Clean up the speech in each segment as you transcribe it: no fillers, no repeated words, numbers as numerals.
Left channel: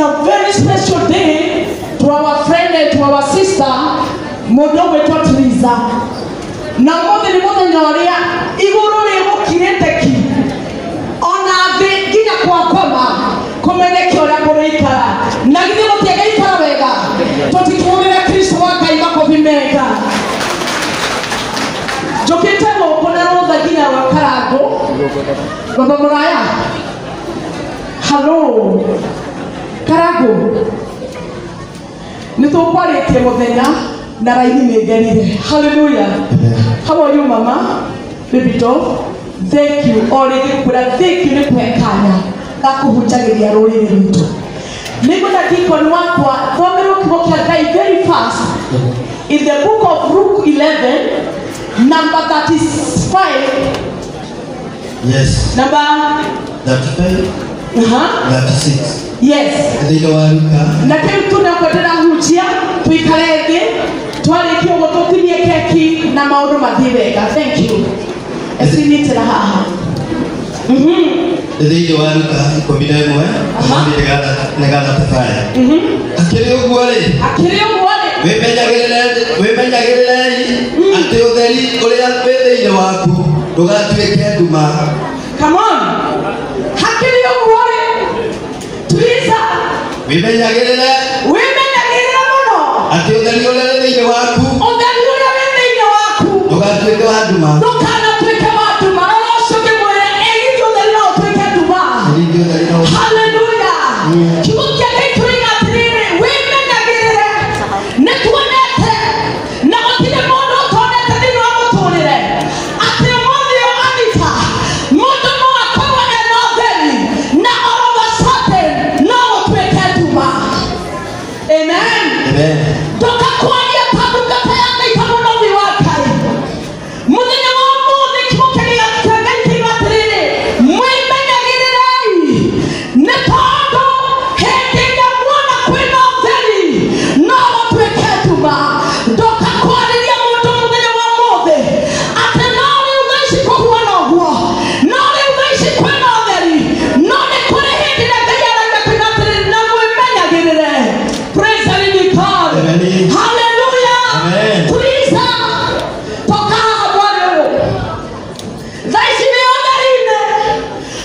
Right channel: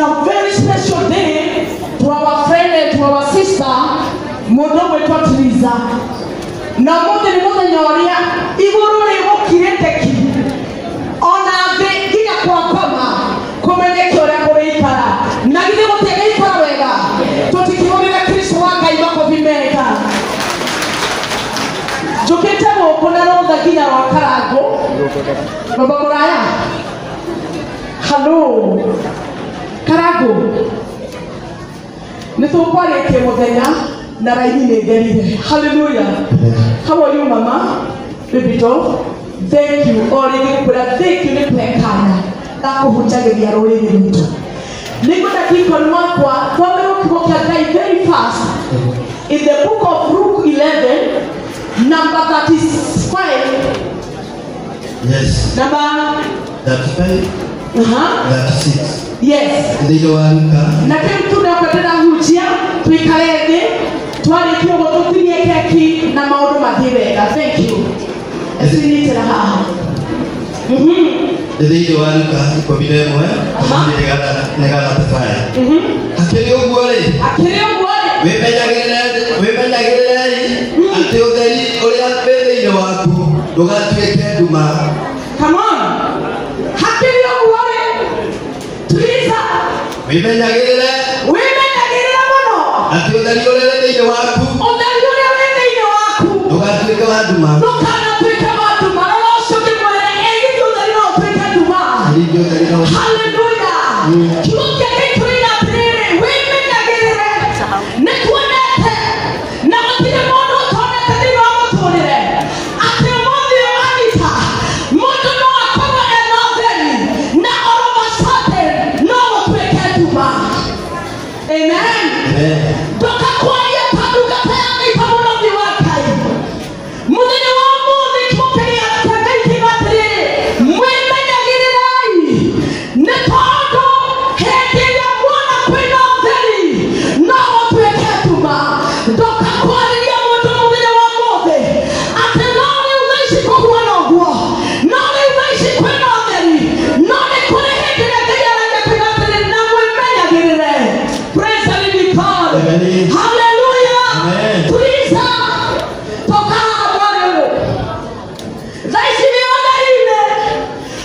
a very special day to our friend and to our sister, Modowe Totliza. Na mmoja ni mmoja nyoria igurule mukirendeki ona the ginya kwa koma komene kyora kureika na githe mutega ikara wega totikionera Kristo waka ibako vimeka jokete moko na roza ginya wakarago baba muraya hello karago nitukwaleke muthenya na raini negerire. Hallelujah. How are you, Mama? Bibito, thank you. Already put a thank you to Pekana. That's who Jaggy are already into. Nicola keep on one part. Very fast. In the book of Luke 11, number 35. Yes. Number 35. 36. Yes. Na kile tunakutana hujia tuikaleze twalikiwa wototinie keki na maono madhibega. Thank you. Esinite na haha. Ndio walika iko bidemo negala tafaya. Akili ugwale. Wemenyagirele ati utheri uria pele ino waku ndugatwike nduma. Come on. Akili ugwale. Tuliza. Wemenyagirele mono. Ati utheri uria ino waku. Ndugatwike nduma. Hallelujah. You will get into it at the end. Women are getting Netuanete. Now, the Mono Tonet and the Rama Tonet. At the Mono Anita. Mono Akoma and Northern. Now, all of a sudden, no one will get to man. Amen. Don't acquire Paduka and the Paduka of the Wakai. Munino Mono, the Tokay at the making at the end. Women are getting Nepado, heti ya mwana kwenda mzeli na watu weketuma doka kwa nini ya moto mwenye wa mode ate nani unaishi kwa kuwana huo nani unaishi kwa mzeli nani kule heti ya kaya na kwenda mzeli na mwemenya gilele. Praise the living God. Hallelujah. Amen. Praise God. Toka Bwana zaisi viongelinde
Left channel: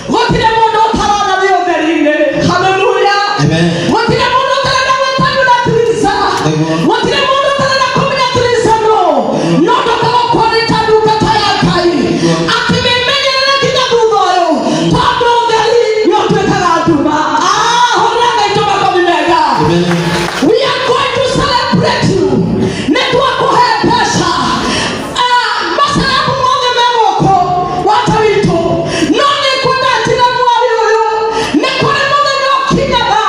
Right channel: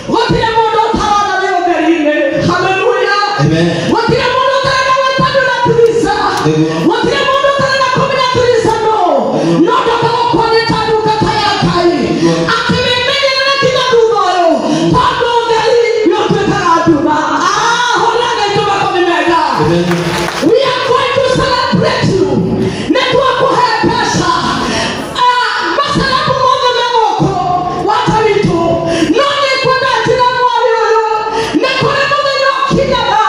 votile mondo parana viongelinde. Hallelujah. Amen. What did I want to tell you? What did I want to tell you? No, the quality of the Tayakai. After me, many like the Buboyo. Pablo Gali, you're to Kalatuba. We are going to celebrate you. Network will help us. Masalamu Monge Mamoko. What are we doing? No, they could not tell you. Nekuna Monge Kinaga.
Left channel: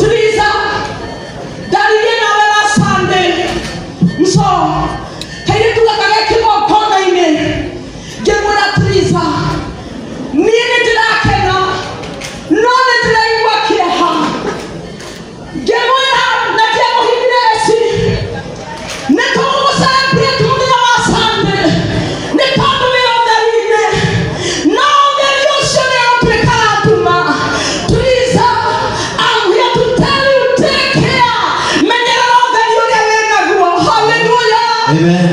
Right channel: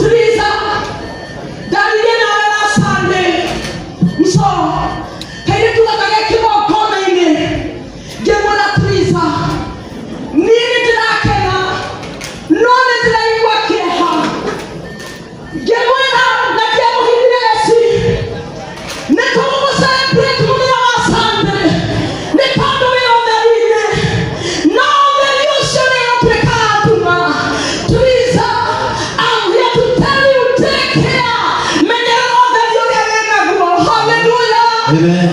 Teresa, Daliena wela Sunday. So, kaya tuwakanga kimo kona ine. Gemuna Teresa. Nini tinakena. None tinaiwa keha. Gemuna na kemo hibiresi. Netomo celebrate munia wa Sunday. Nepando weo derine. No deliosone opekala tuma. Teresa, I'm here to tell you, take care. Hallelujah. Amen.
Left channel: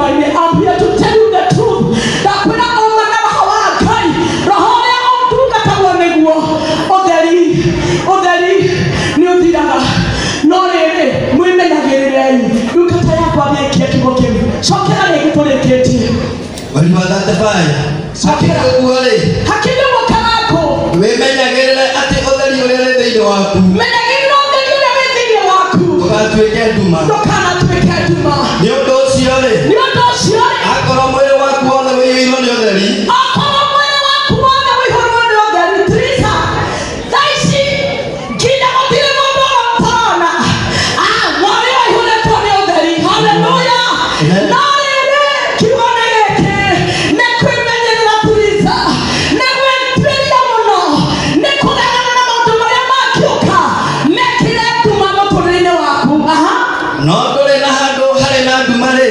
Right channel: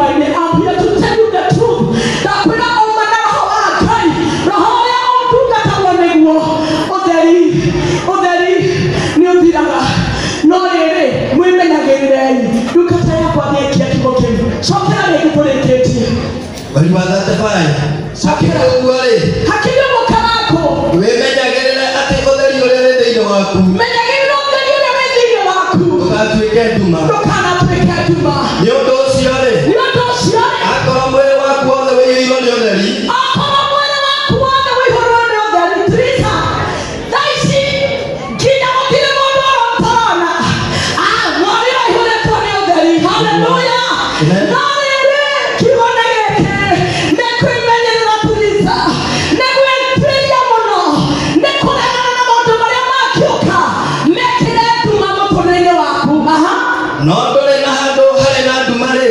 I'm here to tell you the truth. That when I open up our kind, Rahoya on Tuka Oderi, New Dida, no, women are getting you can tell what they get to go in. So can I get it? What do you want that to find? Hakilo Wakako. Women are getting at the waku menyagĩrĩra ũtheri ũrĩa wĩ thĩinĩ waku ndũgatuĩke nduma ndũkanatuĩke nduma. nĩ ũndũ ũcio rĩ Nĩ ũndũ ũcio akorwo mwĩrĩ waku wothe wĩiyũirwo nĩ ũtheri okorwo mwĩrĩ waku wothe wĩihũrwo nĩ ũtheri Teresa, thaa ici nginya gũtirĩ mũndũ ũrona mwarĩ waihũrĩtwo nĩ ũtheri. Haleluya. No rĩrĩ kiugo nĩ gĩkĩ nĩ kwĩmenyerera Teresa, nĩ gwĩtuĩria mũno, nĩ kũregana na maũndũ marĩa mangĩũka mekĩre nduma mũtũrĩre-inĩ waku. no ndũrĩ na handũ harĩ na nduma rĩ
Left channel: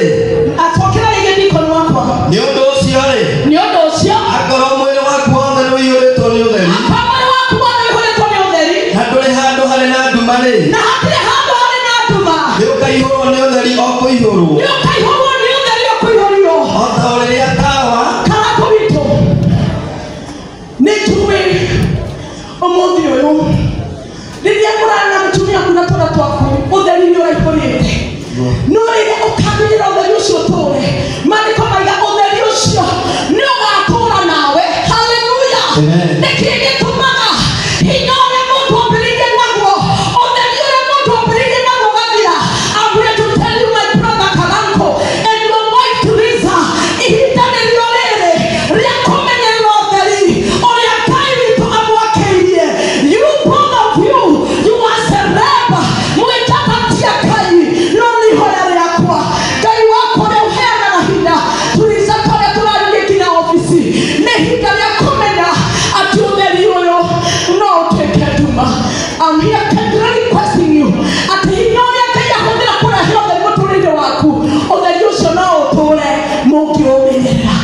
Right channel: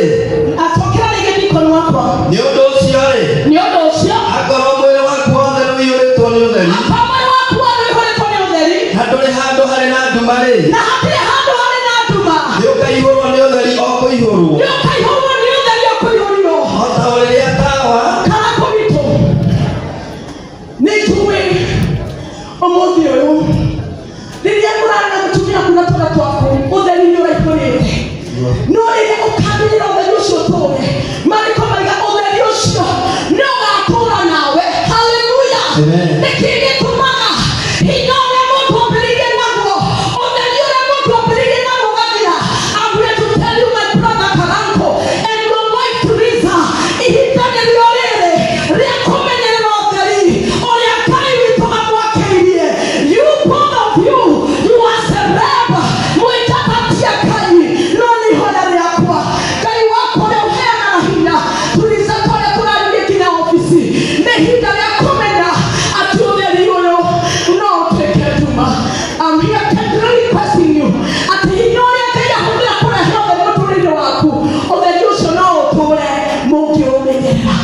Acokera rĩngĩ ndikoni wakwa. nĩ ũndũ ũcio rĩ Nĩ ũndũ ũcio akorwo mwĩrĩ waku wothe nĩ wĩiyũrĩtwo nĩ ũtheri mwĩrĩ waku wothe wĩihũrĩtwo nĩ ũtheri na ndũrĩ handũ harĩ na nduma rĩ na hatirĩ handũ harĩ na nduma, nĩ ũkaihũrwo nĩ ũtheri o kũihũrwo nĩ ũkaihũrwo nĩ ũtheri o kũihũrirwo. o ta rĩrĩa tawa Karako witũ nĩ njũĩ ũmũthĩ ũyũ rĩrĩa mũrarĩ na mũtumia kuna twana twaku ũtheri nĩ ũraihũrĩte, no rĩrĩa ũkambĩrĩra ũtheri ũcio tũre maandĩko maiga ũtheri ũcio nĩ ũgatũũra nawe. Haleluya. Nĩkĩ gĩtũmaga hinya ũrĩa mũndũ ambĩrĩirie naguo ũtheri ũrĩa mũndũ ambĩrĩirie naguo ũgathira. I'm here to tell you my brother Karanko and your wife Teresa, ihinda nĩrĩo rĩrĩ rĩa kũmenyerera ũtheri ũrĩa Ngai witũ amwakĩirie. You both of you, you are celeb, mwĩtatatia Ngai, no nĩ ihoya rĩakwa Ngai wakwa ũrĩa ũheanaga hinya. Teresa tũrĩa tũraririe nginya ofici nĩ ihinda rĩa kũmenya atĩ ũtheri ũyũ no ũtuĩke nduma. I'm here kindly requesting you atĩ hinya ũrĩa Ngai ahũthĩra kũrehe ũtheri mũtũrĩre waku, ũtheri ũcio no ũtũũre mũngĩũmenyerera.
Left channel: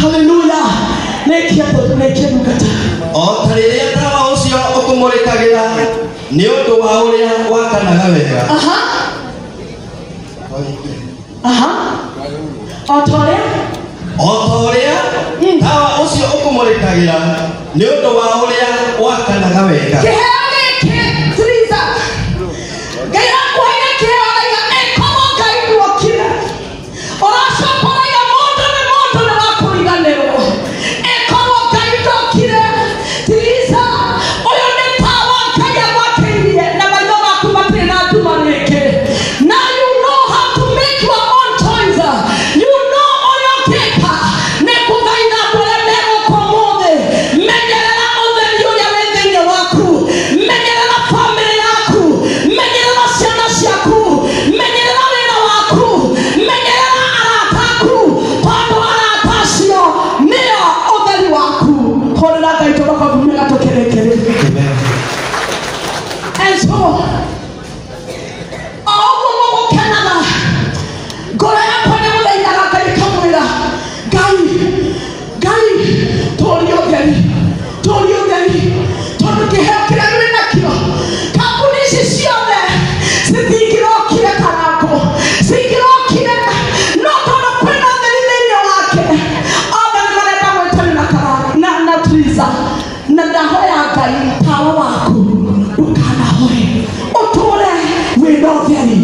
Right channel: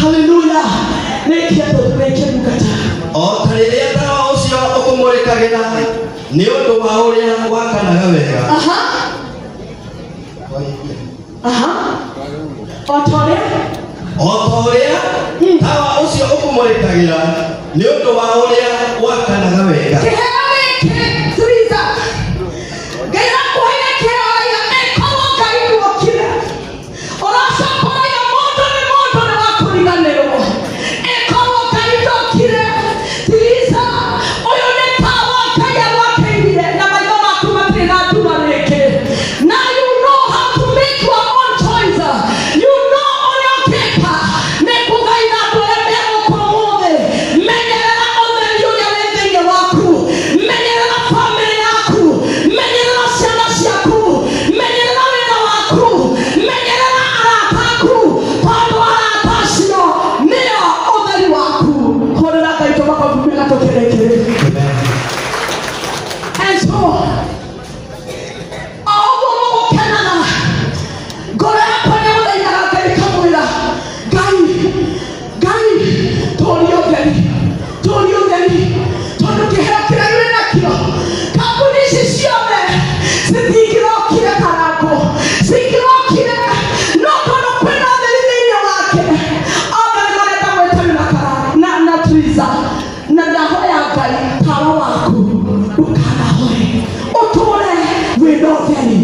Haleluya. Nĩkĩendungata o ta rĩrĩa tawa ũcio ũkũmũrĩkagĩra nĩ ũndũ wa ũrĩa wakanaga wega o ta ũrĩa tawa ũcio ũkũmũrĩkagĩra nĩ ũndũ wa ũrĩa wakanaga wega kĩheo gĩkĩ Teresa, Ngai akwĩra kĩheo raiga ĩkorwo Ngai nduokire ũracoka raiga mũndũ nĩ wakũriganĩrwo ĩkorwo Ngai ndokire. Teresa, ũyũ nĩ tawa Ngai agwakĩirie na maitho maku matirĩ na nduma rĩngĩ. Now you know how to make your own choice. You know ũrĩa ũngĩka nĩ kũthaitha andũ arĩa megũkũ ũmũthĩ. Menyerera ũtheri ũrĩa wĩ thĩinĩ waku, menyerera famĩlĩ yaku, menyerera ciana ciaku, menyerera wĩra waku, menyerera arata aku, tondũ arata acio nĩo ũtheri waku. Hũrĩra Ngai tũmakobi gatũkĩrĩkĩrĩ. And so ũguo mũgũkenaga ngoro yakwa nĩ gũthaithaga Ngai kamwĩra Ngai tũũria ũtheri tondũ kĩheo kĩrĩa wĩ nakĩo kambuni ici ciothe citingĩrokire Karanko, cingĩrokire no tondũ kwĩna ũtheri thĩinĩ wake. Othe nĩ marenda gwĩtanĩra na Teresa, na ndahoya Ngai tawa waku ndũkanahoe ũtũũre wĩna ũtheri.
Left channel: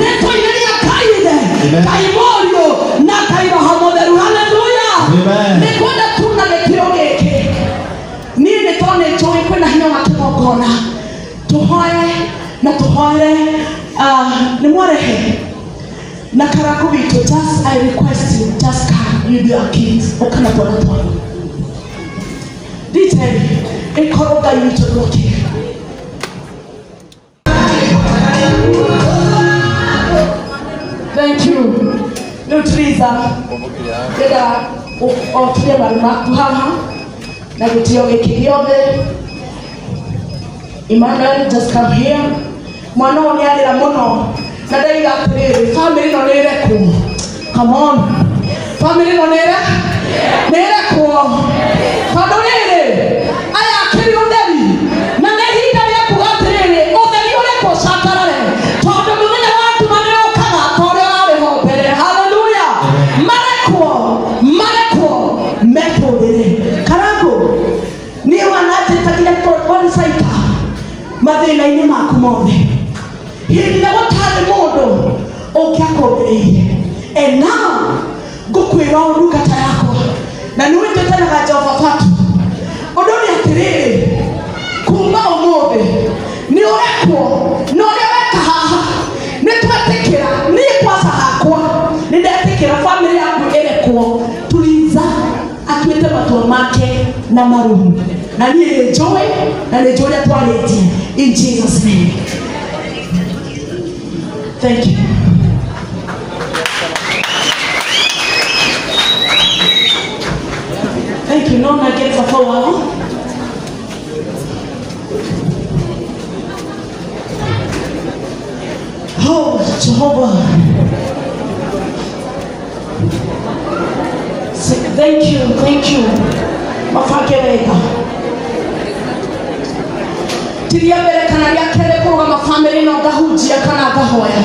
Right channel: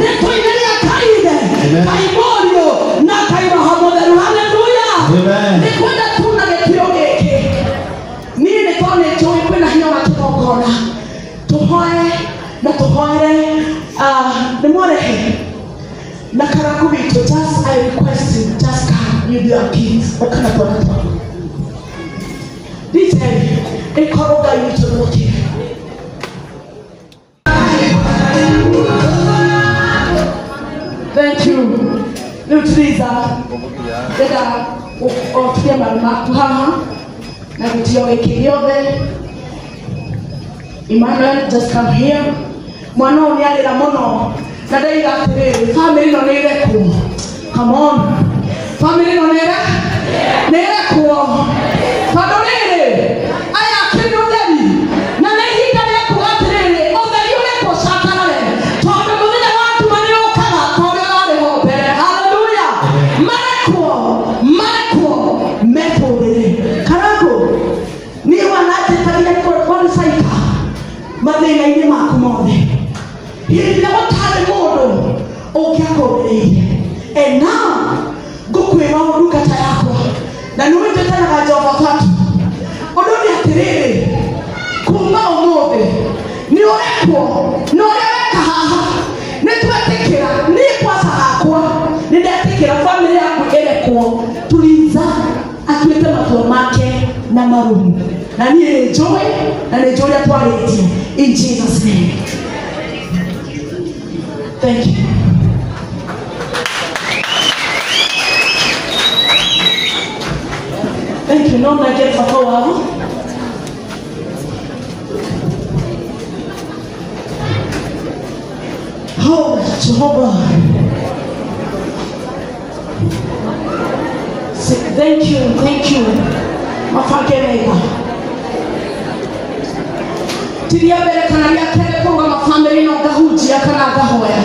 Nĩtũinĩria Ngai ithe, Ngai Mũriũ na Ngai Roho Mũtheru. Haleluya. Nĩkwenda tu na gĩtĩo gĩkĩ niĩ nĩ tondũ nĩ njũĩ kwĩna hinya wa kĩgongona tũhoe na tũhoere nĩ mwarehe na Karanko witũ. Just I request you, just come with your kids ũkana twana twanyu nditeri ĩkorwo Ngai witũ ndokire. Thank you. Rĩu Teresa ndĩrenda ũtuge maru maku haha na gĩtĩo gĩkĩ gĩothe. Emmanuel, just come here. Mwana ũyũ nĩ arĩra mũno na ndaiga atĩrĩrĩ famĩlĩ ĩno nĩ ĩrekwo. Come on, famĩlĩ ĩno nĩ ĩrekwo tondũ rĩrĩ aya akĩrĩ ũtheri na nĩ ihinda rĩa kuga atĩrĩrĩ ũtheri ũrĩkwo catarare tondũ mũthenya wa nduma nĩ ũkaga ta ũrĩa warĩ ho mbere. Haleluya. marekwo metũrĩre. Karanko niĩ wananjĩtagia kũricaika mathĩna-inĩ maku mothe hĩndĩ ĩrĩa gũtarĩ mũndũ ũngĩakũmbĩrĩire. And now ngũkwĩra ndungata yakwa na nĩ wĩtĩkanaga Jehova Fatu ũndũ nĩ atĩrĩrĩ kuma ũmũthĩ kuo no reka haha netwetekera ni posa hakwa nindetekera family yangu ile kuo tuliza atuete matua make na marumu na ni enjoy na enjoy twaleti in Jesus name. Thank you. Thank you. No, I get for a while. Oh, Jehovah. Thank you. Mafakeleka. Tiria bere kanaria kere kwa mafamily na gahuji ya kana gahoya.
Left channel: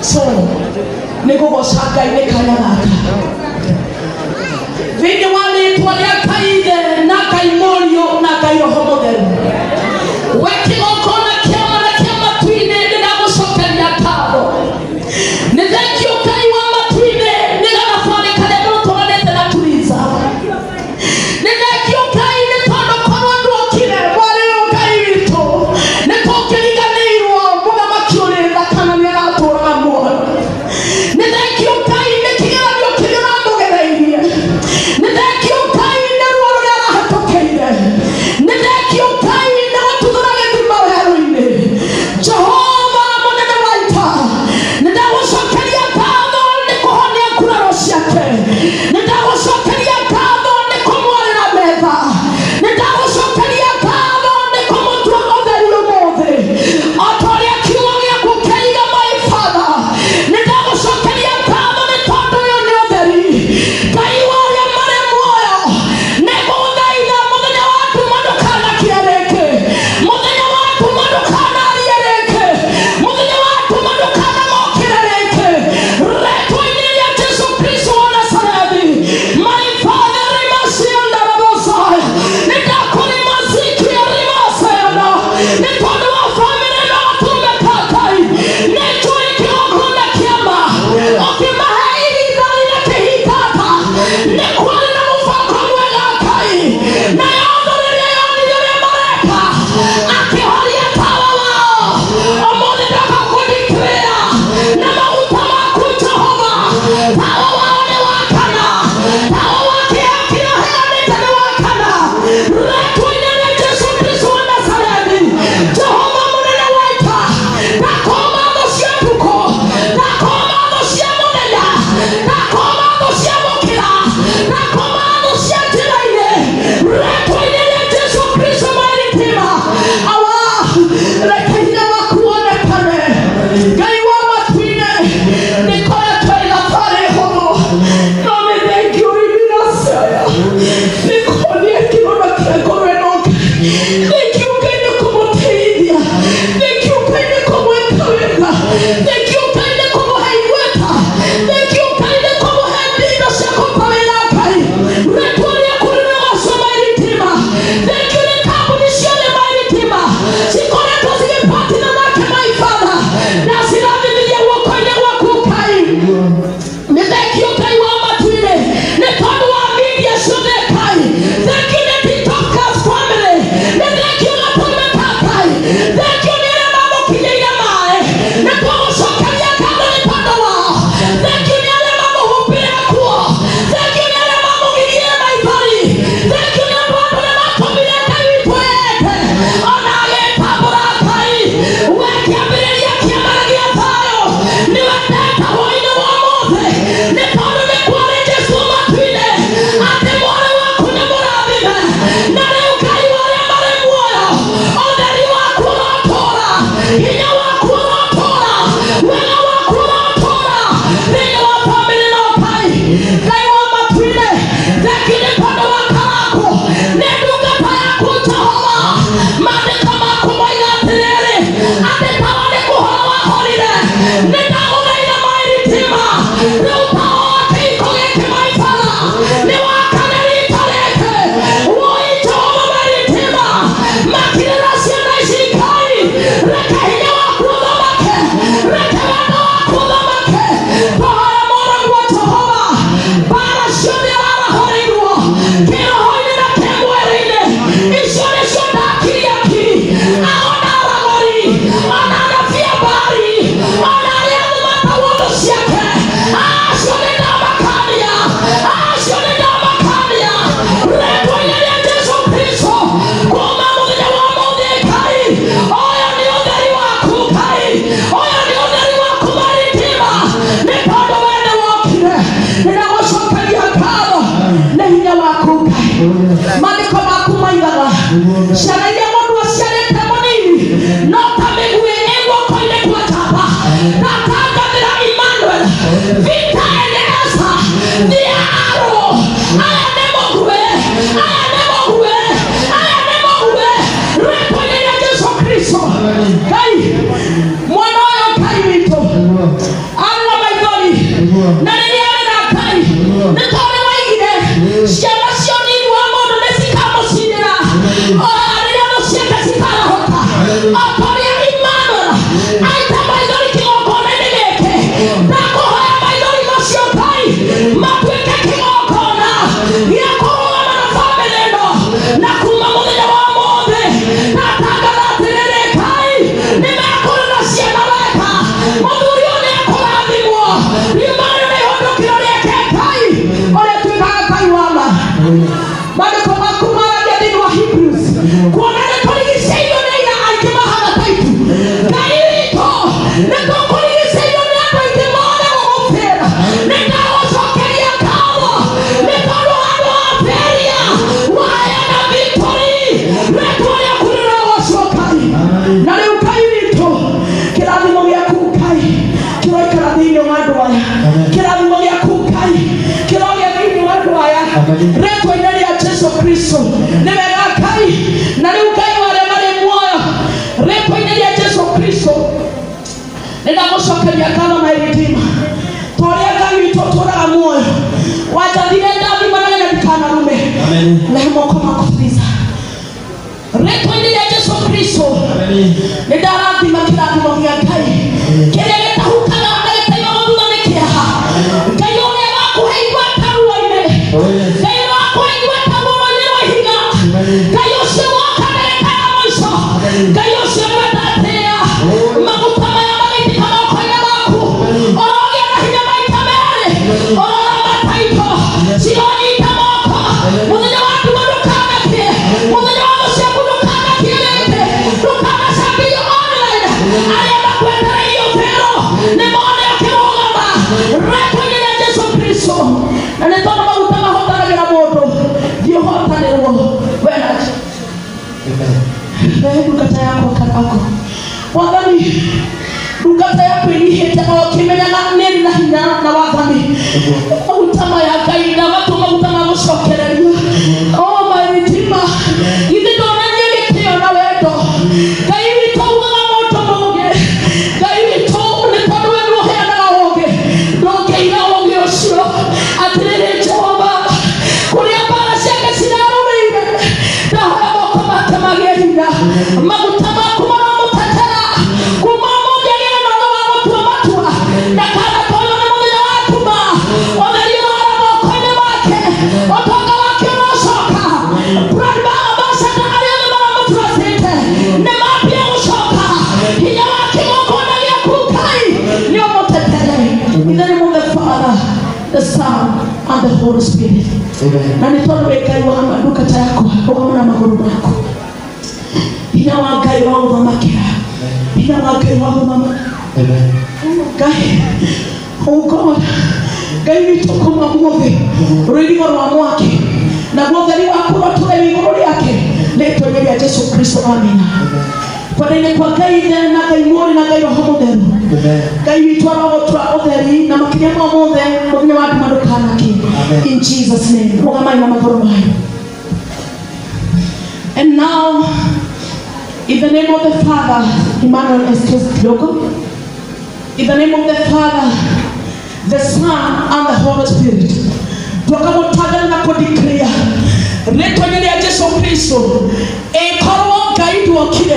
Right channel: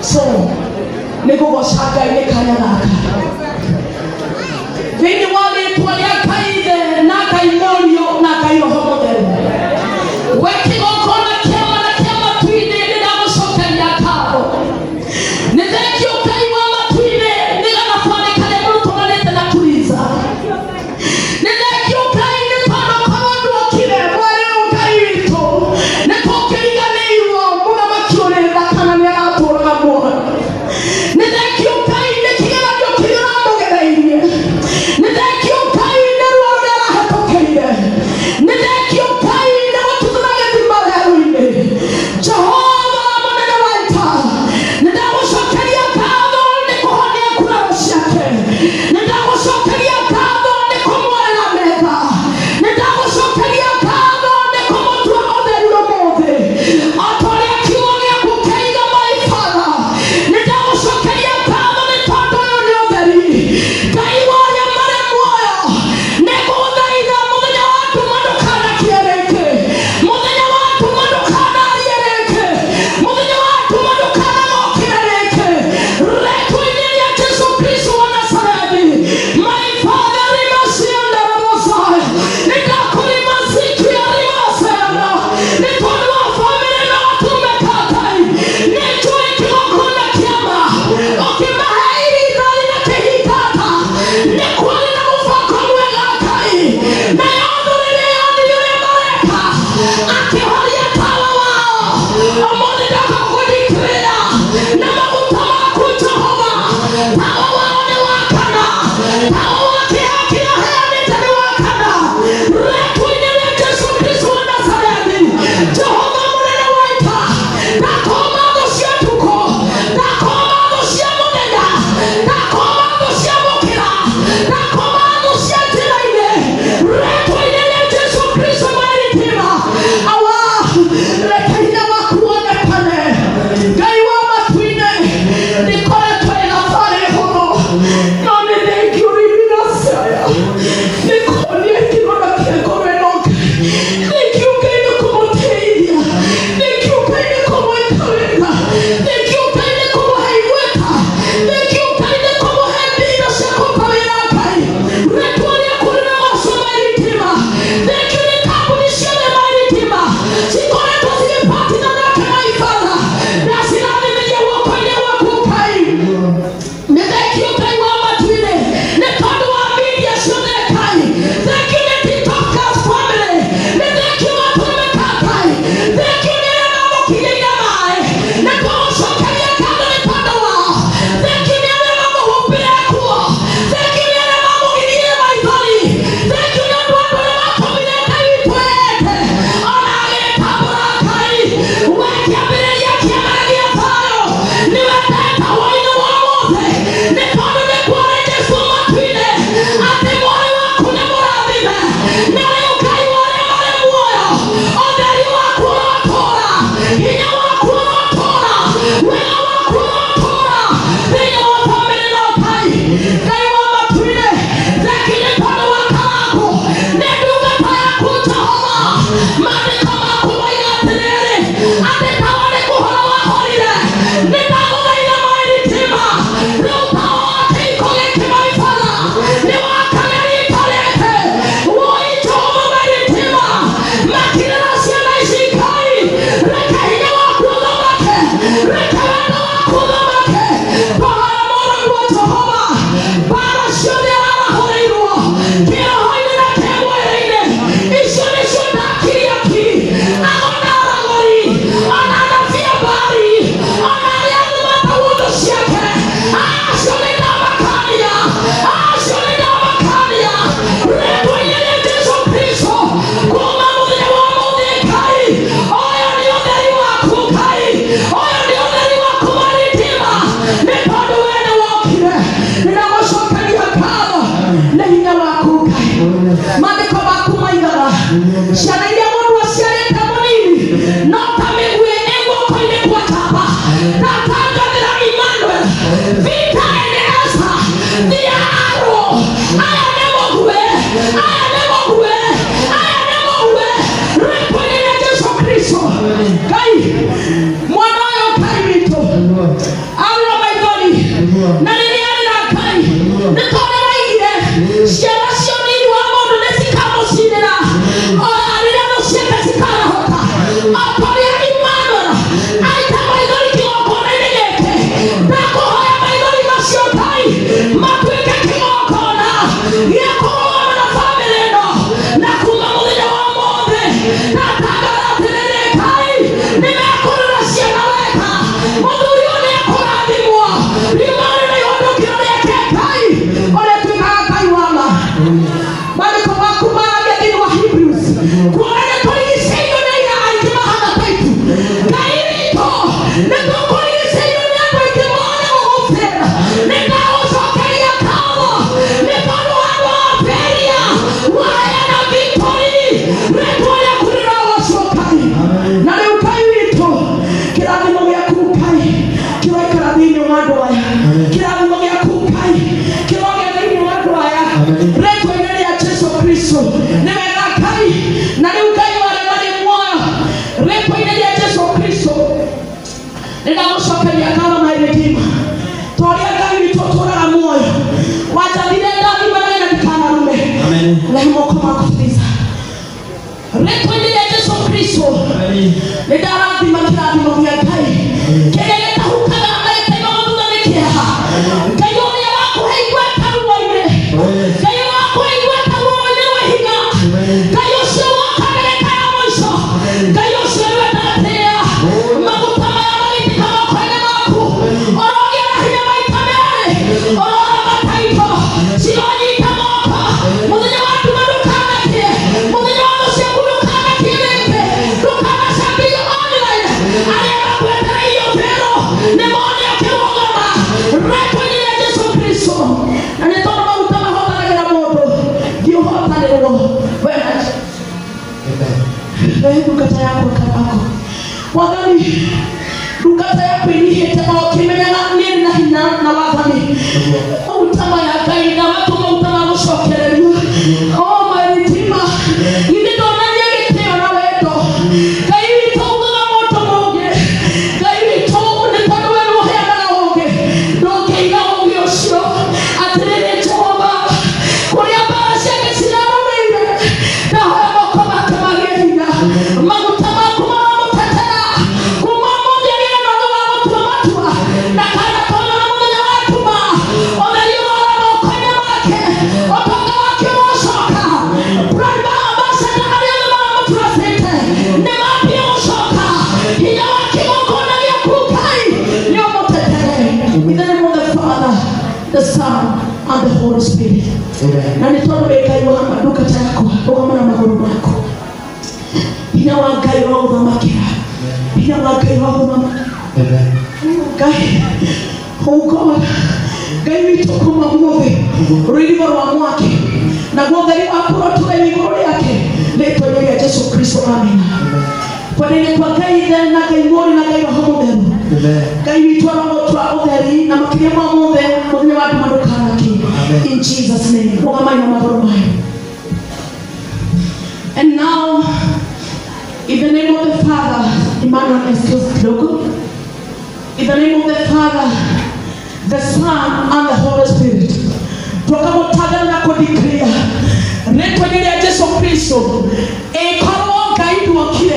So, nego goshaka ile kaya baka. Vile wale tuwalia kaide na kaimorio na kairo homodelu. Weki okona kiama na kiama tuine nina musoka ya tabo. Nidekio kaiwa matuine nina nafane kale mtu wanete na tuliza. Nidekio kaide pano kawandu wakile wale ukairito. Nekoke liga neiro muna makione na kanania atora na mwana. Nidekio kaide kila vyo kila mwana. Nidekio kaide wala hatokeide. Nidekio kaide watu kuna ndimba heroine. Jehova mwana waita. Nidawashokeria kado nikuhonia kuna rosiake. Nidawashokeria kado nikumwale na mega. Nidawashokeria kado nikumotu wa odherio mothe. Otoria kiuonia kukeiga my father. Nidawashokeria kado nitondo yoni odheri. Kaiwa ya mare mwoyo. Nebo udhaida mudenya watu madukana kiereke. Mudenya watu madukana aliereke. Mudenya watu madukana mokirereke. Reto ineli ya Yesu Kristo wa Nazareti. My father rimasianda rabosaya. Nidakuri maziki ya rimasayana. Nitondo wa familia na watu umekatai. Necho ikiwakuna kiama. Okimahairi nani na kehikata. Nekwale na mufako mwega kai. Na yondo leleoni yule mareka. Akiholia tawa wao. Omode daka kudikrea. Na mauta waku Jehova. Tawa wao ni wakana. Tawa wake akia hea nitani wakana. Retu inele Yesu Kristo wa Nazareti. Jehova munene waita. Nakomando siya tuko. Nakomando siya munenya. Nakomando siya mukira. Nakomando siya jiraine. Retu inele Yesu Kristo maritima. Awa. Rekehina wakuone pane. Gaiwa matuine. Nikole twega fare hono. None dengi urimina saya. Nikonie kinona kiegore noke. Nikiukaine kumoteidia. Nikiukaine kumoekaweka. Nikiukaine kumoheigweta. Nikiukaine kumohendina shakopawelakai. Returia kulina waso maritima. Nikile kabunisione maritima. Sikone tozige patina nake maifana. Nasira Ngai mwana wa Ngai wito ana maigoni na nini ana Ngai nitore waigire ciana cioni wa mundu nesikamo cinira ora arira muceka cikara hota akoria imana aita maigoni kigokona negeke ndakuhoya maigoni macio Ngai matuike kigokona giakorwana na family ino na kuma muthenya wa mothe ndatangatha atiriri Ngai nimekurira ciana wega muthuri uyu niakurathimwo imana nihundukire nieke Ngai uria tuikaga Ngai wama mariko makumaragia thiini wa Hebrews kuona niturigiceirio ni aira aingĩ mahana taitu Ngai witũ nĩtũkũrigiceirio nĩ andũ aingĩ mone gũgũbĩra nĩndagũcokeria ngatho nĩ tondũ andũ a Beria waheana victory rĩtwa rĩaku rĩrogocwo Ngai na rĩu Ngai witũ kĩrathimo gĩaku Ngai kĩroikara thĩinĩ wa andũ aya kĩrathimo gĩaku Ngai kĩrogĩa thĩinĩ wa andũ aya rĩtwa-inĩ rĩa Jesũ Kristo nĩ wega Ngai na rĩu Ngai wothe marĩ muoyo rĩtwa-inĩ rĩa Jesũ Kristo nĩndagũcokeria ngatho my Redeemer tũrĩa Ngai witũ tũraga muoyo wanjathire ndathima na ndikanarume na moko maku please rĩtwa-inĩ rĩa Jesũ Kristo nĩndarathima kĩrathimo gĩa Ngai kĩrĩa gĩtahutaga na gĩtaimaga thutha nĩ kĩeha Ngai ũrĩa wakũhe igweta ruo-inĩ Ngai wakũhe igweta ruo-inĩ rwa ihiga Ngai ũcio wokanĩrĩkaga mũico Ngai ũcio ndwendatĩa maguta maya magĩtika moko-inĩ maku orogĩa na hinya maita merĩ ororoma taito cironyita moko mũthenya wa nduma ndũkanakie mũthenya wa mũciaku ndũkanakie rĩngĩ ndũkanacambio online arĩa makwetereirio pero nĩ mone ũkĩrũgama rĩtwa-inĩ rĩa Jesũ Kristo na nĩ tondũ maguta mahotanagĩra mũndũ ndiũhotanĩrwo wewe ndungata yako kabako Mwathani ndungata yako inihĩte o ũkĩmenyaga nĩ na hinya na wathani maguta maya Ngai na watu maguta ma gũcokereria my Redeemer githĩ ndonanie gĩtĩo na wendo Ngai witũ ugaga mũndũ mũũgĩ Ngai witũ nĩ tondũ we nĩũheanaga ũũgĩ ndũngĩiga ũũgĩ ũcio atĩrĩrĩ Jehova kũrĩa mbara ciake cirarũmĩire ndahoya moko make magĩe hinya maguta maku maramũtetera kuma mũthĩ agĩe na ũhoro wa gũtua matua ndakanatonywo nĩ mũthenya wa nduma ũtheri wara moko-inĩ make ũtonga wake ũrocoka brand ambassador arĩa othe maramũtrustĩte nĩmambie gũcoka hinya wa kĩgongona gĩaku Ngai nĩũmũtetere in the name of the Father, the Son, and the Holy Spirit. Na nĩ tondũ wĩ Ngai wa ndungata yako ũgamũ na magũrũ maku hinya wa Ngai ũrogũthamakĩra hinya wa Ngai ũrogũthamakĩra Ngai oh God Ngai witũ kuma muothe rũirigo rwa mwaki naguo ũtheri waku ũrotũre igũrũ rĩake rĩtwa-inĩ rĩa Jesũ Kristo amina Twarĩrie kwa Ngai Ithe na Ngai Mũriũ na Ngai Roho Mũtheru Ngai witũ arogũtũra ũtheri na makĩria ma mothe mũthenya wa nduma ndũkanakie in Jesus name rũgamai na magũrũ mayo. And now in the name of the Father Emmanuel excuse kidogo in the name of the Father the Son and the Holy Spirit twakamũtangatha na kũdeclare rĩtwa-inĩ rĩa Jesũ Kristo ĩkorwo Ngai nduokire